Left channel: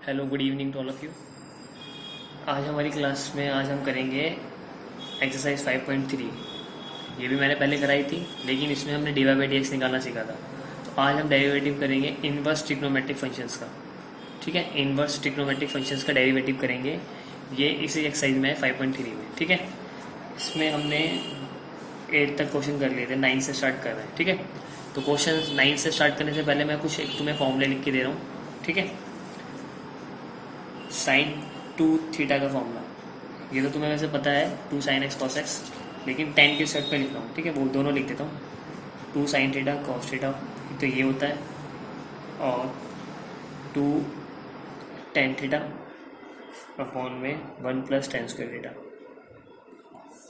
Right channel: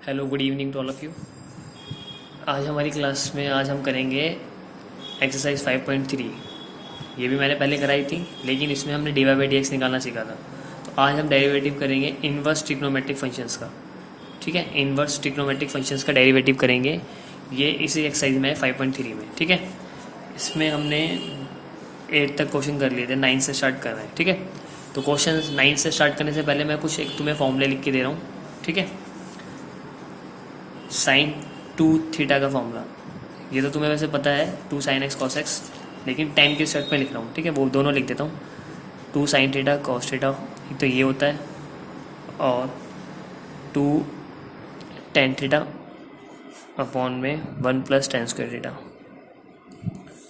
Hello, good evening to all of you. आज हमारी class में हम करेंगे एक्सरसाइज 5.3। ये भी मैंने पहले कराई थी, लेकिन इसमें हमने D Y by D X निकालना सीखा था। तो आज हम डेरिवेटिव करेंगे इनवर्स ट्रिग्नोमेट्रिक फंक्शंस का। ठीक है, इनवर्स ट्रिग्नोमेट्रिक फंक्शंस का डेरिवेटिव करेंगे। ये इसी एक्सरसाइज में है 5.3 में। ठीक है, इसमें हमने 8 तक क्वेश्चन कर लिए थे, 9 से स्टार्ट कर रहे हैं। ठीक है, तो क्वेश्चन 9 से स्टार्ट करने से पहले मैं कुछ एक तुम्हें फॉर्मूले लिख के दे रहा हूँ। ठीक है, साइन 2 थीटा का फॉर्मूला ये तो तुम्हें वैसे पता है, 2 sin x cos x, लेकिन टेन के सेट में लिख रहा हूँ। ठीक है, वो दोनों लिख देता हूँ। 2 sin थीटा cos थीटा, तो ये होता है, और 2 tan थीटा अपॉन में 1 + tan² थीटा।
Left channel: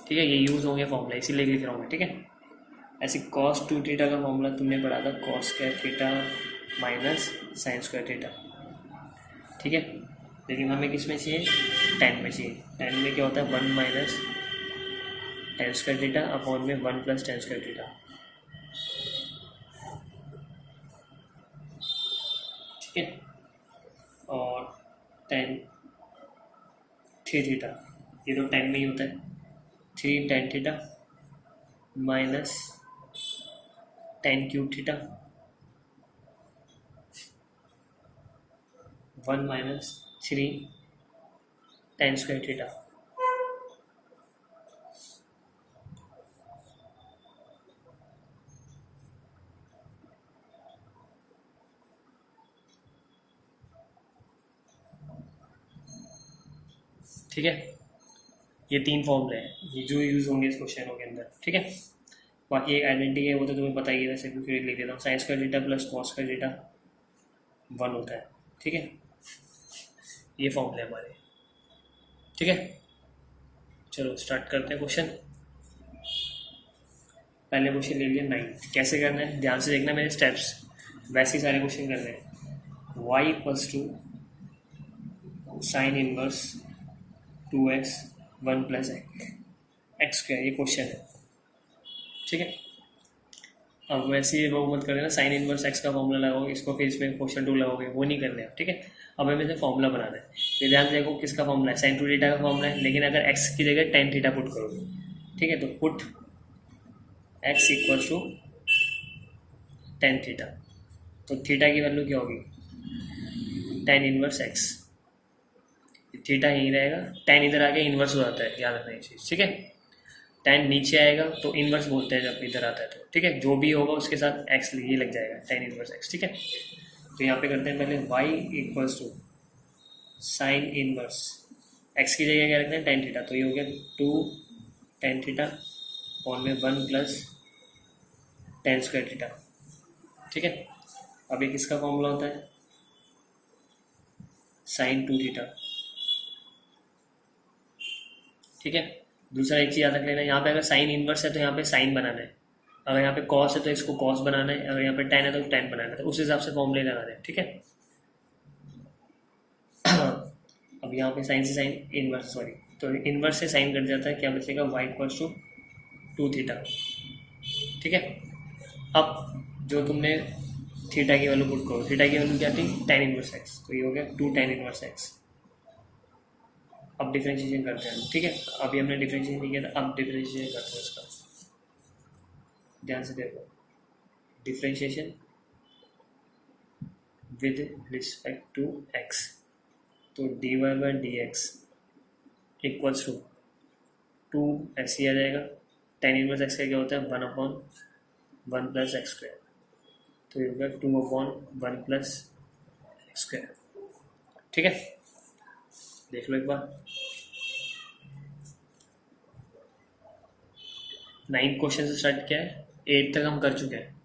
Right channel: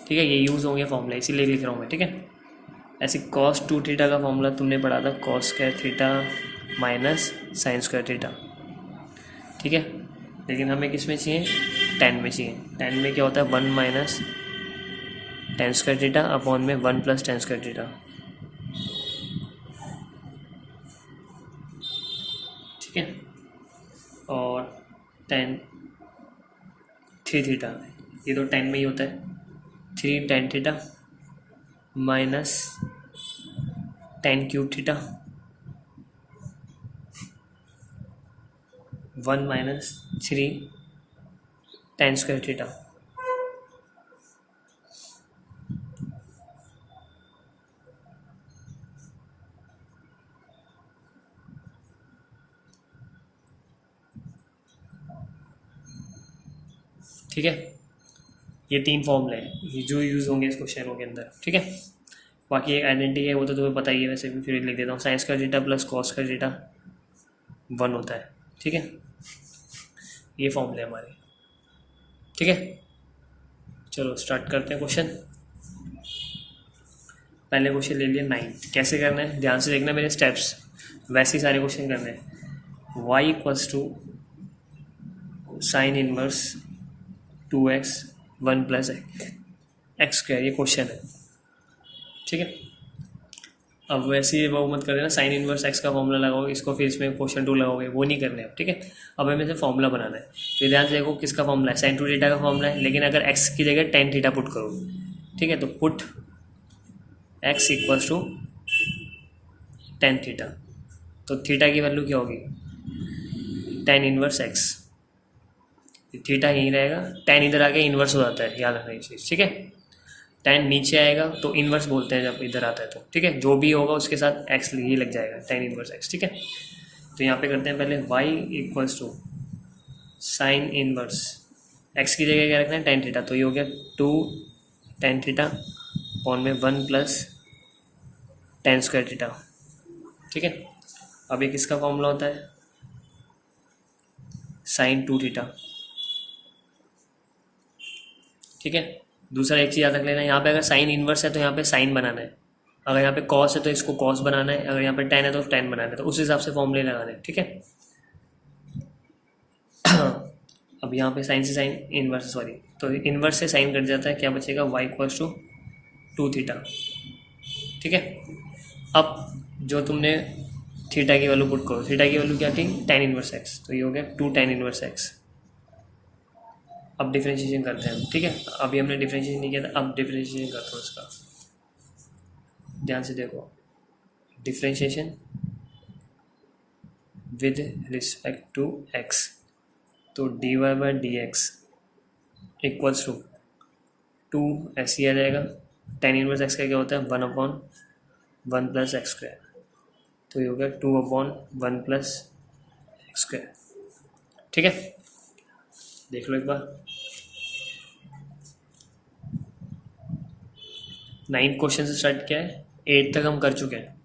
ठीक है, ये यूज़ होंगे फॉर्मूला, इसीलिए लिख रहा हूँ मैं। ठीक है, ऐसे cos 2 थीटा का फॉर्मूला तुमने पढ़ा था, cos² theta minus sin² theta. ठीक है, लेकिन हमें किस में चाहिए, टेन में चाहिए। टेन में क्या होता है, 1 - tan² थीटा अपॉन में 1 + tan² थीटा। ठीक है, और tan 3 थीटा, ये तो टेन में ही होता है। 3 tan theta minus tan³ theta 1 - 3 tan² theta. ठीक है, ये 3 फॉर्मूले हैं ये जो यूज़ होंगे इस क्वेश्चनों के अंदर। ठीक है, बाकी एक आइडेंटिटी है, वो तो तुम्हें पता ही है, वैसे भी फिर लिख देता हूँ। sin² theta plus cos² theta 1 होता है। ठीक है, ये फॉर्मूले हमारे। ठीक है, चलो स्टार्ट करते हैं क्वेश्चन। पहले क्वेश्चन ले लिया 9। कैसे करना है, ध्यान से देखना मेरे स्टेप्स, वैसे ही सारे क्वेश्चन करने हैं। y = sin inverse 2x 1 + x², ये क्वेश्चन है। ठीक है, अब वैसे ही वो मत कर देना, साइन इनवर्स x का फॉर्मूला लगाओगे, इसको फिर इसमें क्वेश्चन 2 लगाओगे, वो नहीं करने आप। ठीक है, अब हमें से फॉर्मूला बनाना है। तो ध्यान से देखो, किसका फॉर्मूला है, sin 2 थीटा का फॉर्मूला है, लेकिन अगर x की जगह tan थीटा पुट करोगे, ठीक है, तो पुट x = tan थीटा, तो थीटा की वैल्यू क्या होगी, tan इनवर्स x। थीटा यहीं रहेगा, tan इधर आके इन्वर्स हो जाता है, याद रखना ये चीज़। ठीक है, tan नीचे आएगा तो इन्वर्स बोलते हैं जब इधर आता है तो। ठीक है, जो भी होगा उसके साथ x ये लग जाएगा, tan इनवर्स x। ठीक है, तो यहाँ पे करते हैं पहले y = साइन इनवर्स, x की जगह क्या रखना है, tan थीटा, तो ये हो गया 2 tan थीटा अपॉन में 1 + tan² थीटा। ठीक है, अब ये किसका फॉर्मूला होता है, sin 2 थीटा। ठीक है, दूसरा एक चीज़ याद रख लेना, यहाँ पे अगर साइन इनवर्स है तो यहाँ पे साइन बनाना है, अगर यहाँ पे कॉस है तो इसको कॉस बनाना है, अगर यहाँ पे टेन है तो टेन बनाना है, तो उस हिसाब से फॉर्मूले लगाना है। ठीक है, अब यहाँ पे साइन से साइन इनवर्स, सॉरी, तो इनवर्स से साइन कट जाता है, क्या बचेगा, y = 2 थीटा। ठीक है, अब जो तुमने थीटा की वैल्यू पुट करो, थीटा की वैल्यू क्या थी, tan इनवर्स x, तो ये हो गया 2 tan इनवर्स x। अब डिफ्रेंशिएशन करते हैं। ठीक है, अभी हमने डिफ्रेंशिएशन नहीं किया था, अब डिफ्रेंशिएशन करते हैं इसका। ध्यान से देखो, differentiation with respect to x, तो dy/dx = 2 ऐसे ही आ जाएगा। tan इनवर्स x का क्या होता है, 1/1 + x², तो ये हो गया 2/1 + x²। ठीक है, देख लो एक बार। 9 क्वेश्चन से स्टार्ट किया है, 8 तक हम कर चुके हैं।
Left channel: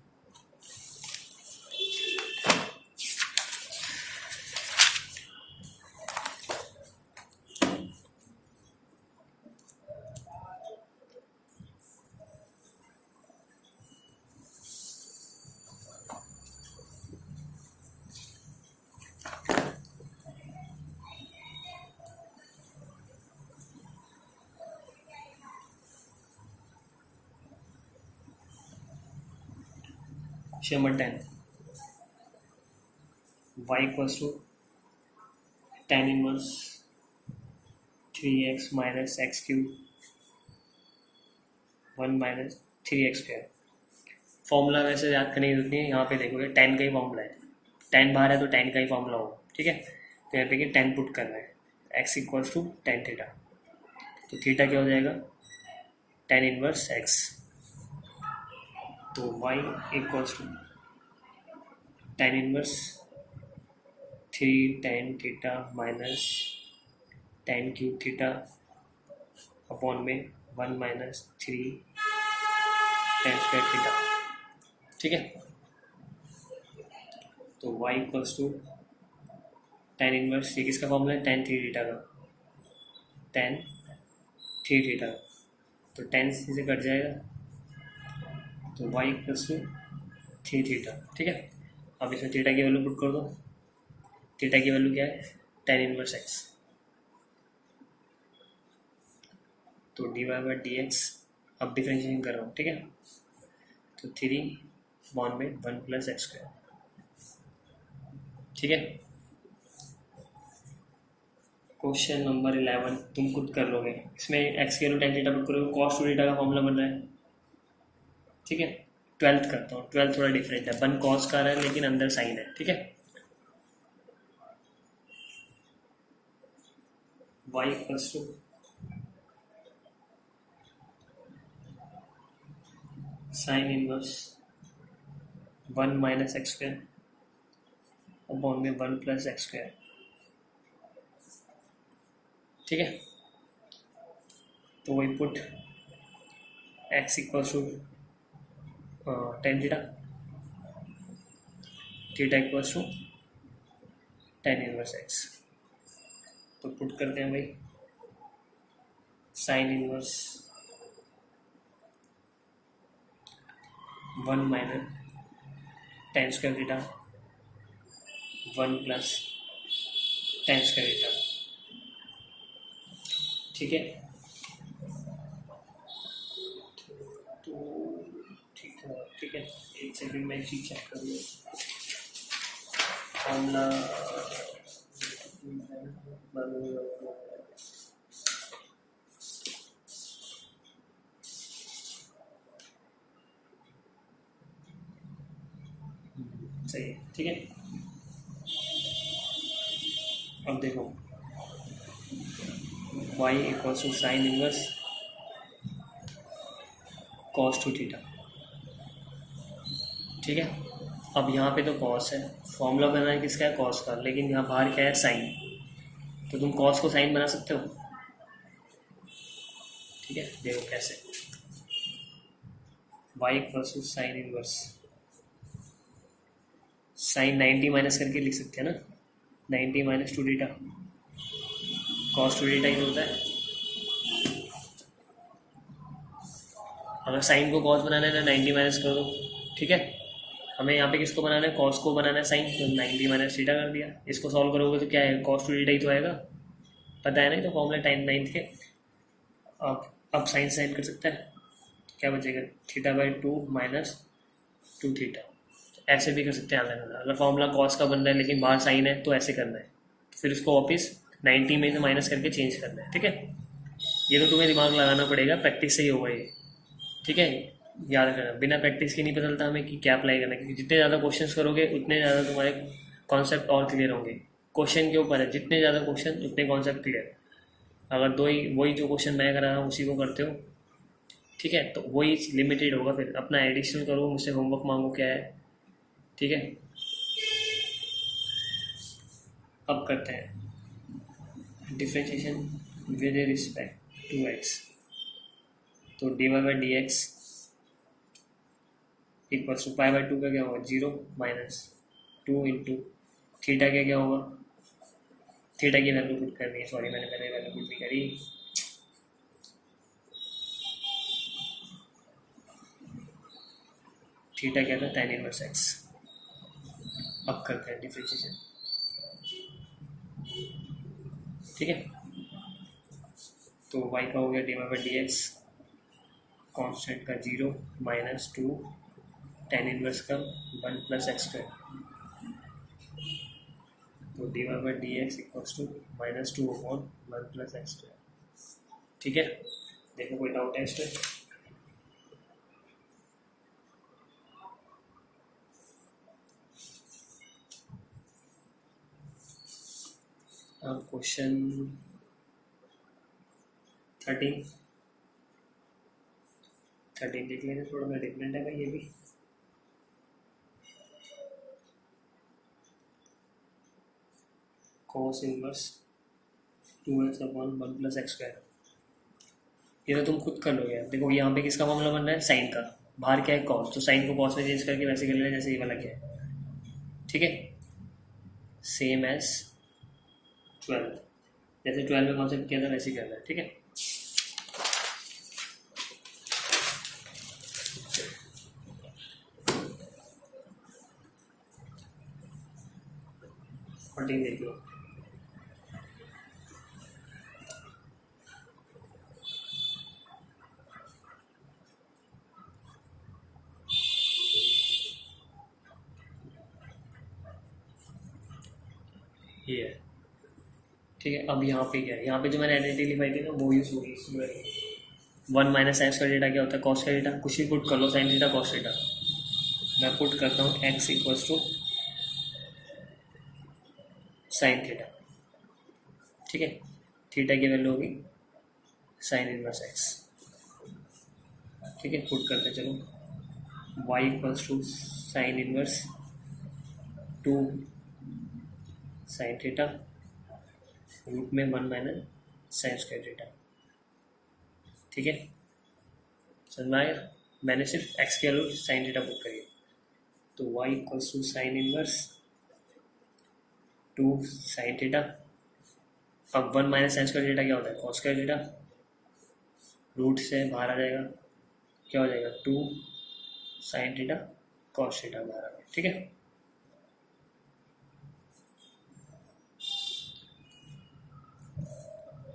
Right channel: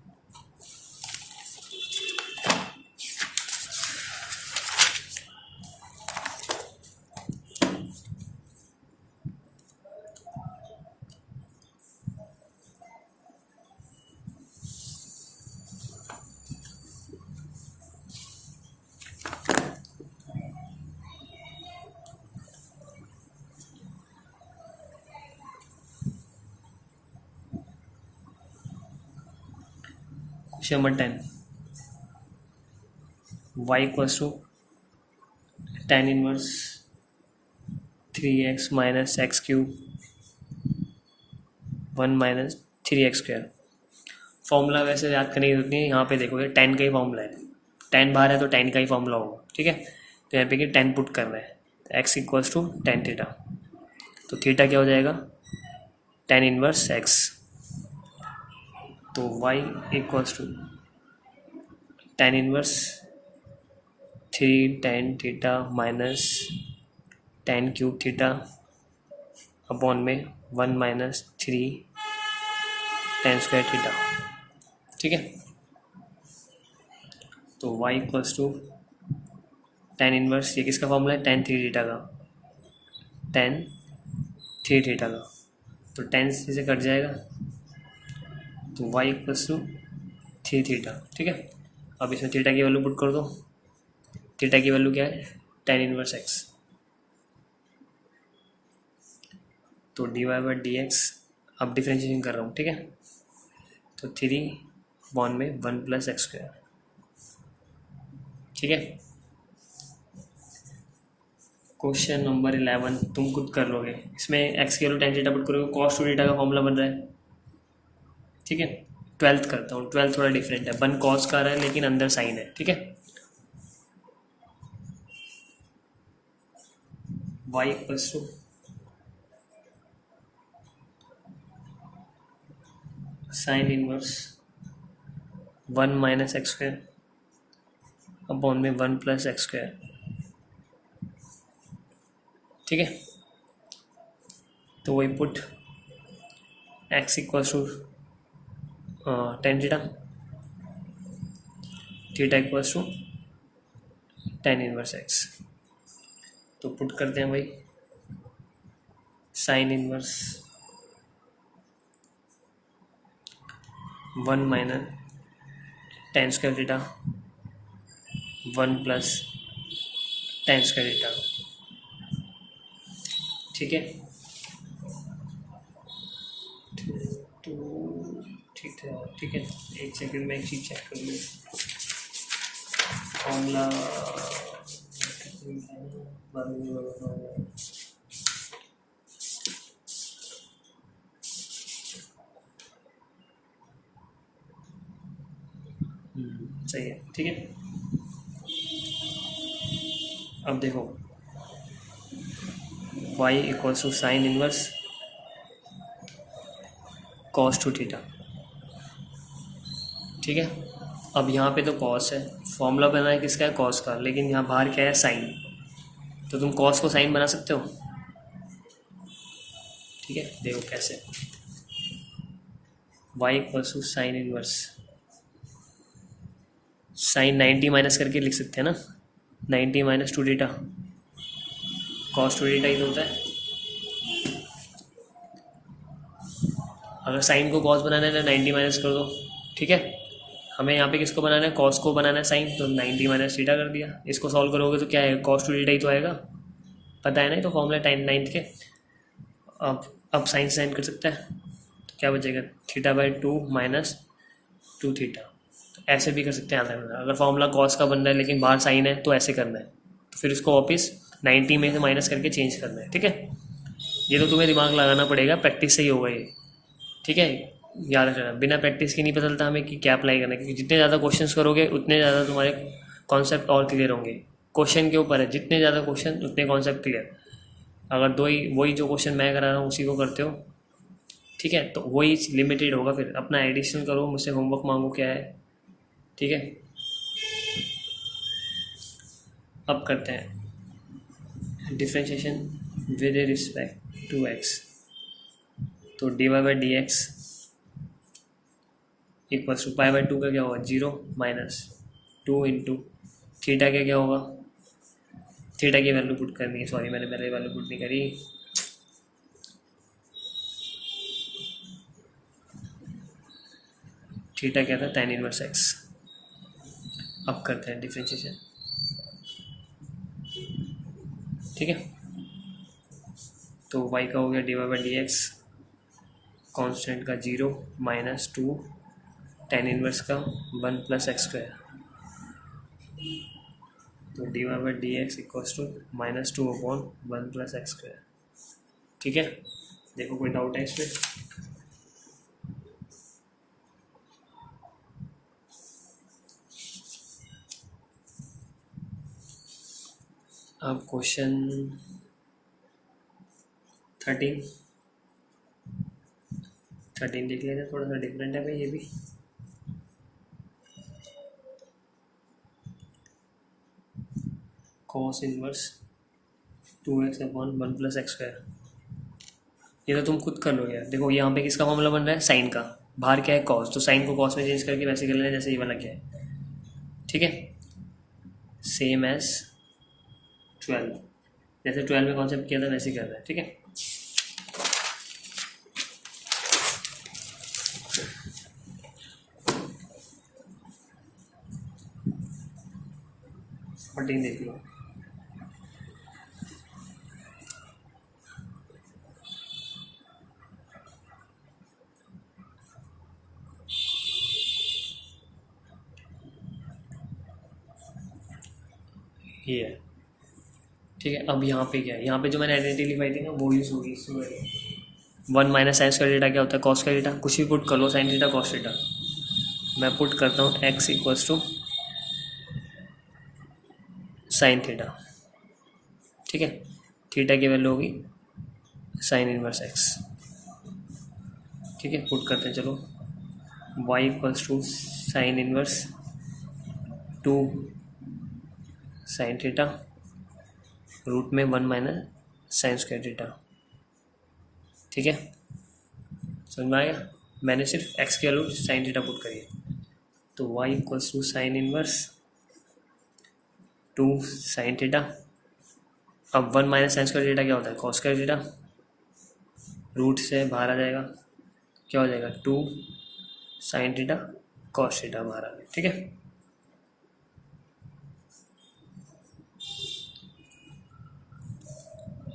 Question number 10, y = tan inverse 3x minus x cube 1 minus 3x square. Formula वैसे याद करने की जरूरत नहीं है, यहाँ पे देखो ये tan का ही फॉर्मूला है, tan बाहर है तो tan का ही फॉर्मूला होगा, ठीक है। तो यहाँ पे कि tan पुट करना है, x equals to tan theta, तो थीटा क्या हो जाएगा tan इनवर्स x, तो y equals to tan inverse 3 tan theta minus tan cube theta upon में 1 माइनस 3 tan स्क्वायर थीटा, ठीक है। तो y equals to tan inverse, ये किसका फॉर्मूला है tan 3 थीटा का, tan 3 थीटा का, तो tan से कट जाएगा, तो y इक्वल्स टू 3 थीटा, ठीक है। अब इसमें थीटा की वैल्यू पुट कर दो, थीटा की वैल्यू क्या है tan इनवर्स x, तो dy बाई डी एक्स, अब डिफ्रेंशिएशन कर रहा हूँ, ठीक है। तो 3 बॉन में 1 प्लस एक्स स्क्वायर, ठीक है। क्वेश्चन नंबर 11 तुम खुद कर लोगे, इसमें x की वैल्यू tan थीटा पुट करोगे, cos 2 थीटा का फॉर्मूला बन रहा है, ठीक है। 12th करता हूँ, 12th थोड़ा डिफरेंट है, 1 cos का रहा है लेकिन अंदर साइन है, ठीक है। y equals to sine inverse 1 minus x square upon में 1 प्लस एक्स स्क्वायर, ठीक है। तो वही put x equals to tan theta, theta equals to tan inverse x, तो पुट करते हैं भाई sine inverse 1 minus tan square theta 1 plus tan square theta, ठीक है। तो ठीक है, एक सेकंड में एक चीज चेक कर लूँ, फॉर्मूला सही है, ठीक है। अब देखो y equals to sine inverse cos 2 theta, ठीक है। अब यहाँ पे तो cos है, फॉर्मूला बना है किसका है cos का, लेकिन यहाँ बाहर क्या है साइन, तो तुम cos को साइन बना सकते हो, ठीक है। देखो कैसे, y equals to sine inverse, sine 90 minus करके लिख सकते हैं ना, 90 माइनस 2 थीटा, cos 2 थीटा ही तो होता है। अगर साइन को cos बनाना है तो 90 माइनस कर दो, ठीक है। हमें यहाँ पे किसको बनाना है, cos को बनाना है साइन, तो 90 माइनस थीटा कर दिया। इसको सॉल्व करोगे तो क्या है cos 2 थीटा ही तो आएगा, पता है ना, तो फॉर्मूला टाइम 9 के। अब साइन साइन कर सकता है, तो क्या बचेगा थीटा बाई 2 माइनस 2 थीटा, तो ऐसे भी कर सकते हैं आधा। अगर फॉर्मूला cos का बन रहा है लेकिन बाहर साइन है तो ऐसे करना है, तो फिर इसको वापस 90 में से माइनस करके चेंज करना है, ठीक है। ये तो तुम्हें दिमाग लगाना पड़ेगा, प्रैक्टिस से ही होगा ये, ठीक है। याद रखना, बिना प्रैक्टिस के नहीं पता चलता हमें कि क्या अप्लाई करना है, क्योंकि जितने ज़्यादा क्वेश्चंस करोगे उतने ज़्यादा तुम्हारे कॉन्सेप्ट और क्लियर होंगे। क्वेश्चन के ऊपर है, जितने ज़्यादा क्वेश्चन उतने कॉन्सेप्ट क्लियर। अगर दो ही वही जो क्वेश्चन मैं करा रहा हूँ उसी को करते हो, ठीक है, तो वही लिमिटेड होगा। फिर अपना एडिशन करो, मुझसे होमवर्क मांगो क्या है, ठीक है। अब करते हैं differentiation with respect to x, तो d Y by D x equals to pi by 2 का क्या होगा 0 माइनस 2 इंटू थीटा का क्या होगा, थीटा की वैल्यू पुट करनी है, सॉरी मैंने पहले वैल्यू पुट नहीं करी, थीटा क्या था tan इनवर्स एक्स। अब करते हैं डिफ्रेंशिएशन, ठीक है। तो y का हो गया d Y by D x, constant का 0 माइनस 2 tan इनवर्स का 1 प्लस एक्स स्क्वायर, तो d Y by D x equals to -2/1 + x²। ठीक है, देखो कोई डाउट है इसमें? अब क्वेश्चन 13 देख लेते हैं, थोड़ा सा डिफरेंट है भाई ये भी। cos inverse 2x/1 + x²। ये तो तुम खुद कर लो यार। देखो यहाँ पे किसका फॉर्मूला बन रहा है? साइन का। बाहर क्या है? कॉस। तो साइन को कॉस में चेंज करके वैसे कर लेना जैसे ये वाला क्या है। ठीक है, सेम एज 12, जैसे 12 में कॉन्सेप्ट किया था वैसे ही करना है। ठीक है, फोर्टीन देख लो। ये है। ठीक है, अब यहाँ पे क्या है? यहाँ पे जो मैंने आइडेंटिटी लिखाई थी ना वो यूज होगी इसमें। 1 - साइंस का डेटा क्या होता है? कॉस का डेटा। कुछ भी पुट कर लो, साइन डेटा कॉस डेटा। मैं पुट करता हूँ x equals to sine theta. ठीक है, थीटा की वैल्यू होगी साइन इनवर्स x। ठीक है, पुट करते हैं चलो। y equals to sine inverse 2 sine theta root में 1 - साइन स्क्वायर थीटा। ठीक है, समझ में आया? मैंने सिर्फ x के वैल्यू साइन थीटा पुट करी है। तो y equals to sine inverse 2 sine theta. अब 1 - साइन स्क्वायर थीटा क्या होता है? Cos square theta. रूट से बाहर आ जाएगा, क्या हो जाएगा? 2 साइन थीटा कॉस थीटा बाहर आ गया। ठीक है,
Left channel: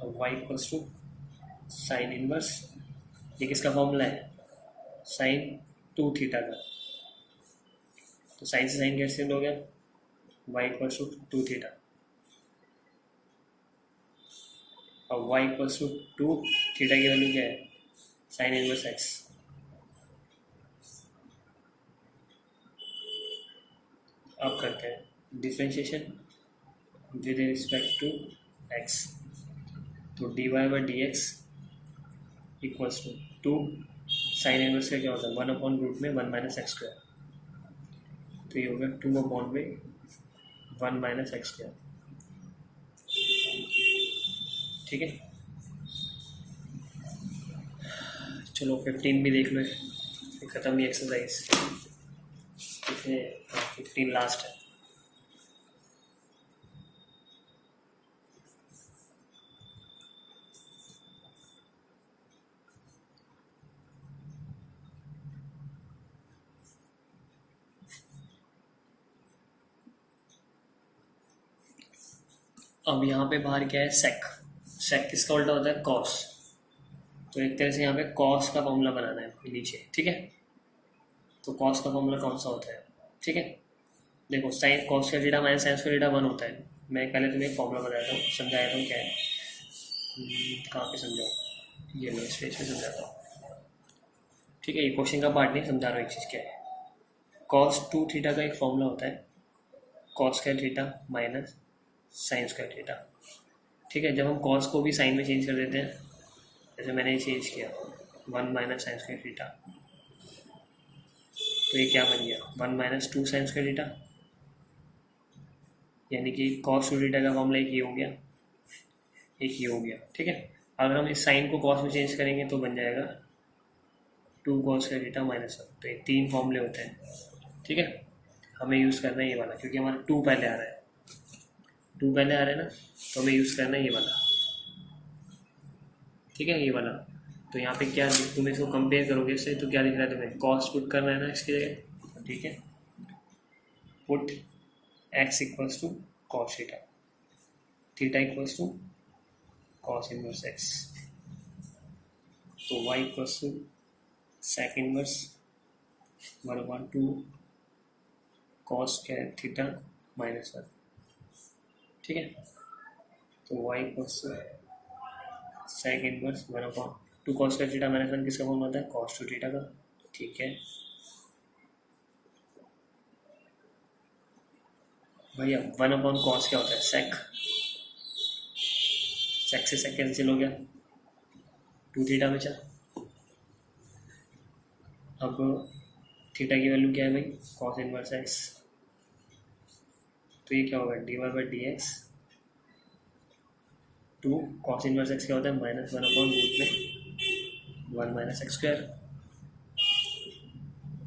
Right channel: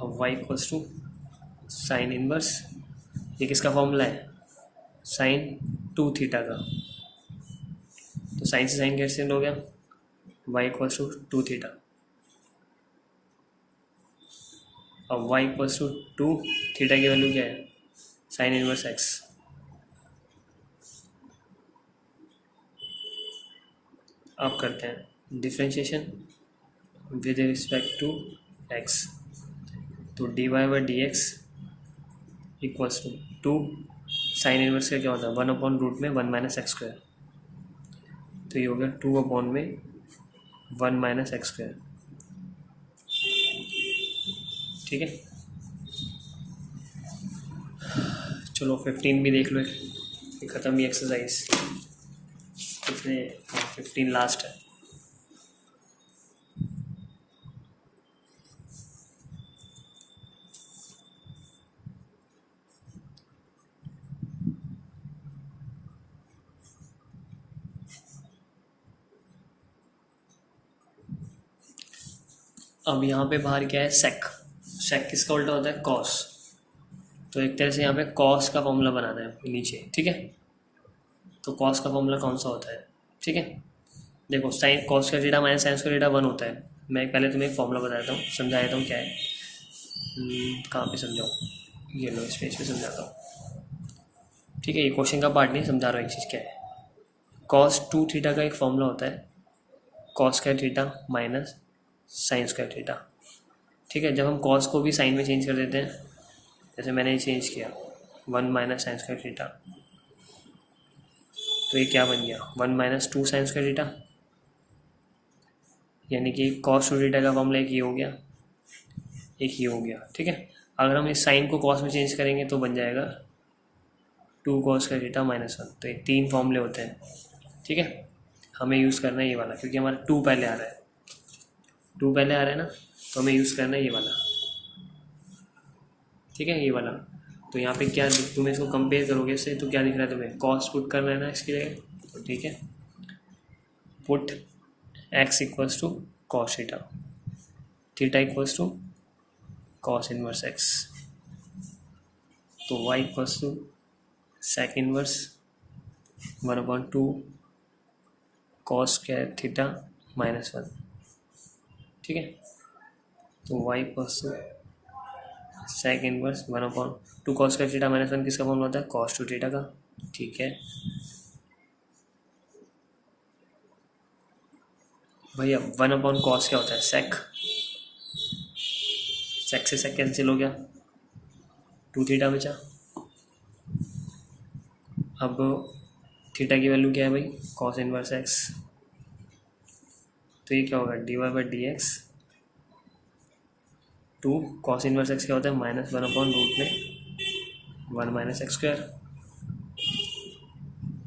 अब y equals to sine inverse, ये किसका फॉर्मूला है? साइन 2 थीटा का। तो साइन से साइन कैंसिल हो गया, y इक्वल्स टू 2 थीटा। अब y इक्वल्स टू 2 थीटा की वैल्यू क्या है? Sine inverse x। अब करते हैं differentiation with respect to x। तो d Y by D x equals to 2 sine inverse का क्या होता है? 1/√में 1 - x²। तो ये हो गया 2 में 1 - x²। ठीक है, चलो 15 भी देख लो, ख़त्म ही एक्सरसाइज। कितने? 15 लास्ट है। अब यहाँ पे बाहर क्या है? सेक। सेक किसका उल्टा होता है? कॉस। तो एक तरह से यहाँ पे कॉस का फॉर्मूला बनाना है नीचे। ठीक है, तो कॉस का फॉर्मूला कौन सा होता है? ठीक है, देखो साइन कॉस का थीटा माइनस साइन का थीटा 1 होता है। मैं पहले तुम्हें एक फॉर्मूला बताता हूँ, समझाता हूँ क्या है। कहाँ पे समझाऊँ? ये लो, स्पेस पे समझाता हूँ। ठीक है, ये क्वेश्चन का पार्ट नहीं, समझा रहा हूँ एक चीज़ क्या है। कॉस 2 थीटा का एक फॉर्मूला होता है cos square theta minus sine square theta. ठीक है, जब हम कॉस को भी साइन में चेंज कर देते हैं, जैसे मैंने चेंज किया 1 - साइन स्क्वायर थीटा, तो ये क्या बन गया? 1 - 2 साइन स्क्वायर थीटा। यानी कि कॉस 2 थीटा का फॉर्मूला एक ये हो गया, एक ये हो गया। ठीक है, अगर हम इस साइन को कॉस में चेंज करेंगे तो बन जाएगा 2 कॉस स्क्वायर थीटा -1। तो ये 3 फॉर्मूले होते हैं। ठीक है, हमें यूज़ करना है ये वाला, क्योंकि हमारा 2 पहले आ रहा है। 2 पहले आ रहा है ना, तो हमें यूज़ करना है ये वाला। ठीक है, ये वाला। तो यहाँ पे क्या, तुम इसको कंपेयर करोगे इससे तो क्या दिख रहा है तुम्हें? कॉस पुट करना है ना इसके जगह। तो ठीक है, put x equals to cos theta, theta equals to cos inverse x। तो y equals to sec inverse 1/2 cos square theta -1। ठीक है। तो y equals to sec inverse 1/2 cos square theta minus 1 किसका फॉर्मूला होता है, कॉस टू थीटा का। ठीक है भैया, 1/cos क्या होता है, सेक। सेक से सेक कैंसिल हो गया, 2 थीटा बचा। अब थीटा की वैल्यू क्या है भाई, कॉस इनवर्स एक्स। तो ये क्या होगा, dy/dx to cos inverse x क्या होता है, -1/√में 1 - x²।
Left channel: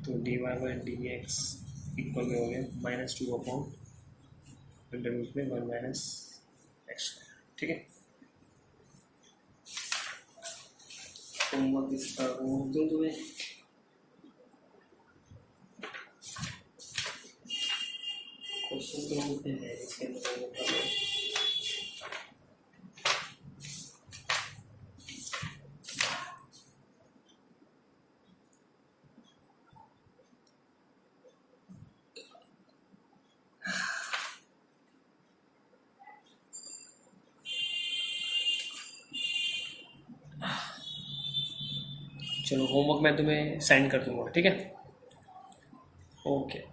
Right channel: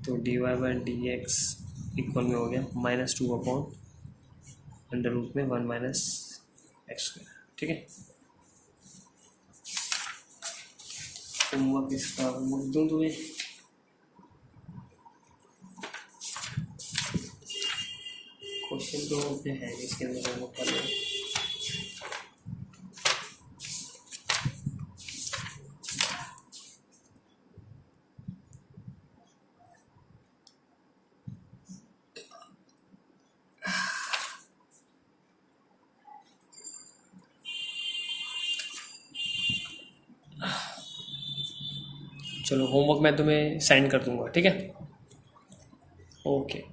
तो dy/dx इक्वल में हो गया -2/√में 1 - x²। ठीक है, होमवर्क इसका होमवर्क दूँ तुम्हें। क्वेश्चन तो होते हैं इसके अंदर होमवर्क कर लो। चलो होमवर्क मैं तुम्हें सेंड कर दूंगा, ठीक है। ओके।